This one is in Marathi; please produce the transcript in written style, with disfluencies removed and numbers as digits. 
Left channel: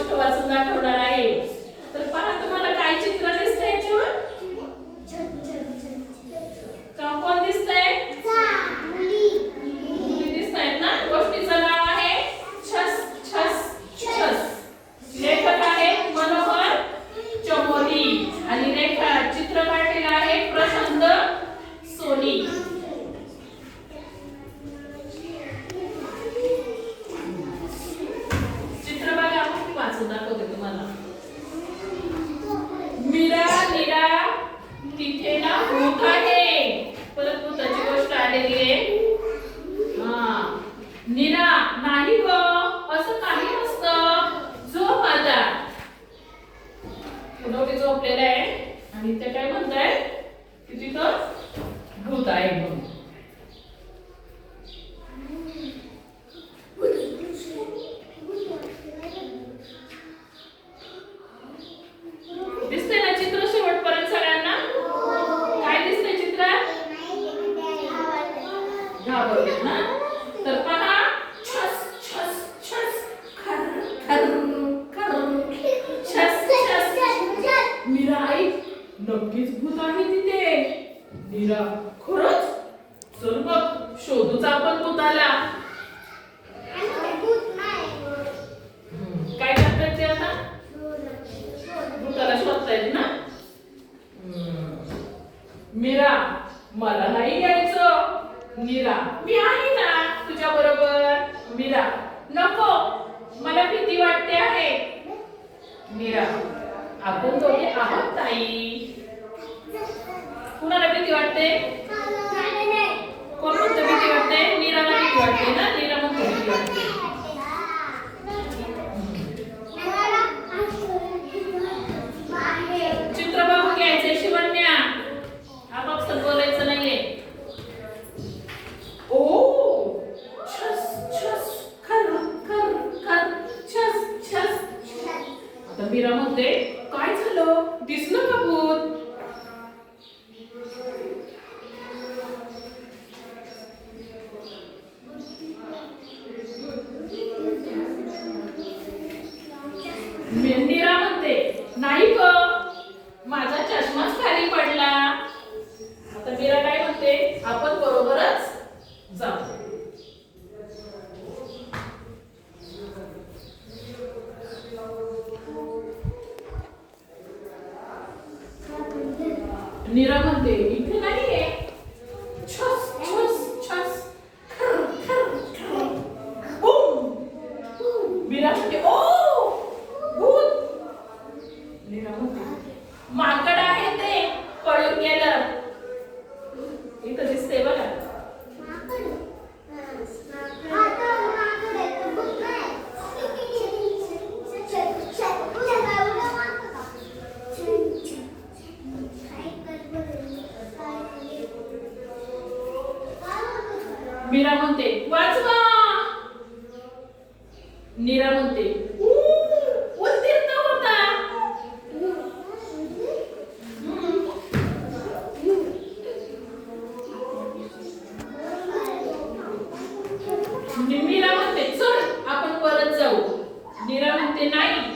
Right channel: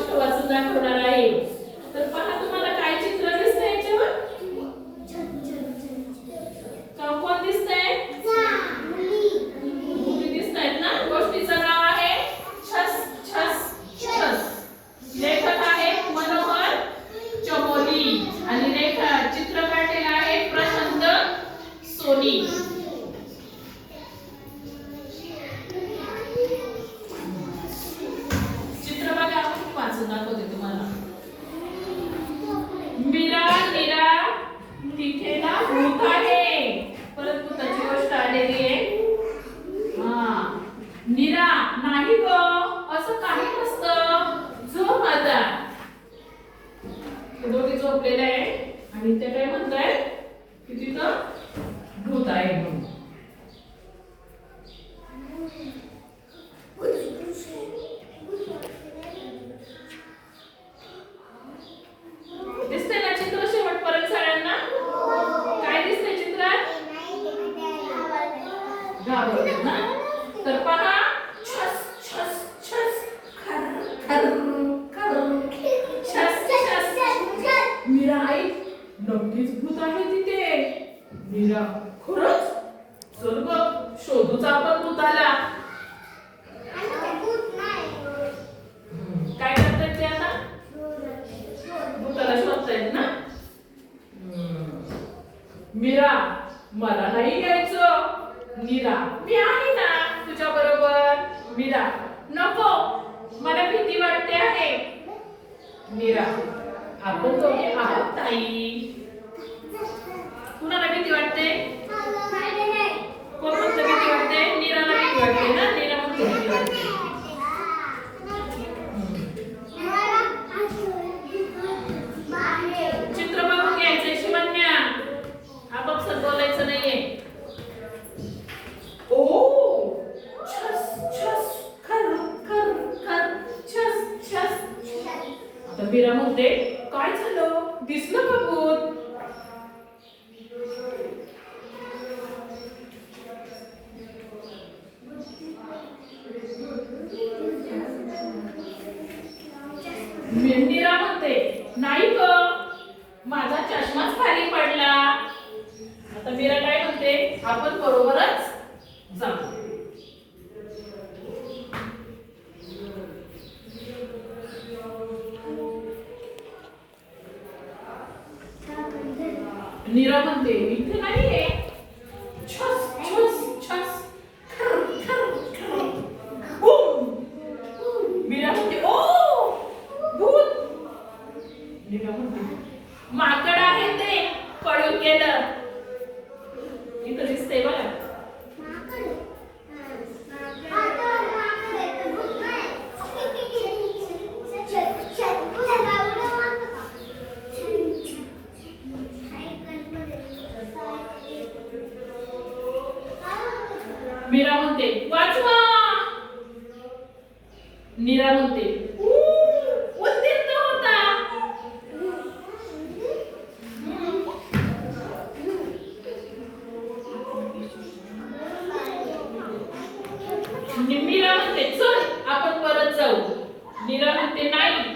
गोष्ट वाचून दाखवणार आहे. तर पहा तुम्हाला काय चित्र दिसतंय याच्यावर? कोण दिसतंय? मुली दिसतायत ना. गोष्टीचं नाव आहे छस छस छस. लेखक आहे मनोहर चमोली आणि चित्र काढलेलं आहे प्रशांत सोनी. चित्र बघा वाचून दाखवते तुम्हाला. मीरा नीरा तिथे ना भूत आहे. परत भूताची गोष्ट आलेली आहे. नीरा नाही ग असं काही नसतं. झोप आता. दोघे झोपलेले आहे आणि ते काय म्हणताय की तिथं भूत आहे म्हणून. दिसतंय ना चित्र शेवटपर्यंत सगळ्यांना? काय दिसतंय चित्रात? घाबरलेत ना. तर पहा छस छस छस खर खर खर छस छस. मीरा आई नक्कीच भूत आहे तिथे. मीरा खरंच? चल मग शोधूच आपण भूताला. काय करतात ते आता? भूताला शोधतायत ना. मीरा मला नाही यायचं. मीरा मी आहे ना तुझ्या बरोबर. मीरा नको मला भीती वाटते आहे. मीरा आपण दोघे आहोत ताई. कुणाला भीती वाटते? कोण म्हणतं भीती वाटते? नीराला भीती वाटते ना. नीरा म्हणते भीती वाटते. चित्र बघून घ्यायचंय शिवण्या. आपापसात बोलायचं नाहीये. ओ छस छस खर खर खर छस छस. आता मीरा म्हणते काय झालं? दिसलं का भूत? मीरा म्हणते नाही ग माझा चष्माच खाली पडला. आता मीरा काय म्हणते आपण बरोबरच जाऊ. नीरा म्हणते इथे नाहीये. छस छस छस खर खर खर बूम. मीरा म्हणते ओ भूत. नीरा म्हणते माकड आहे ते पळून गेलं. इथं दिसतंय बघा. मीरा म्हणते वाचवा. नीरा म्हणते उत्तीर्ण होता. मीरा म्हणते चल आपण परत जाऊ. नीरा म्हणते नाही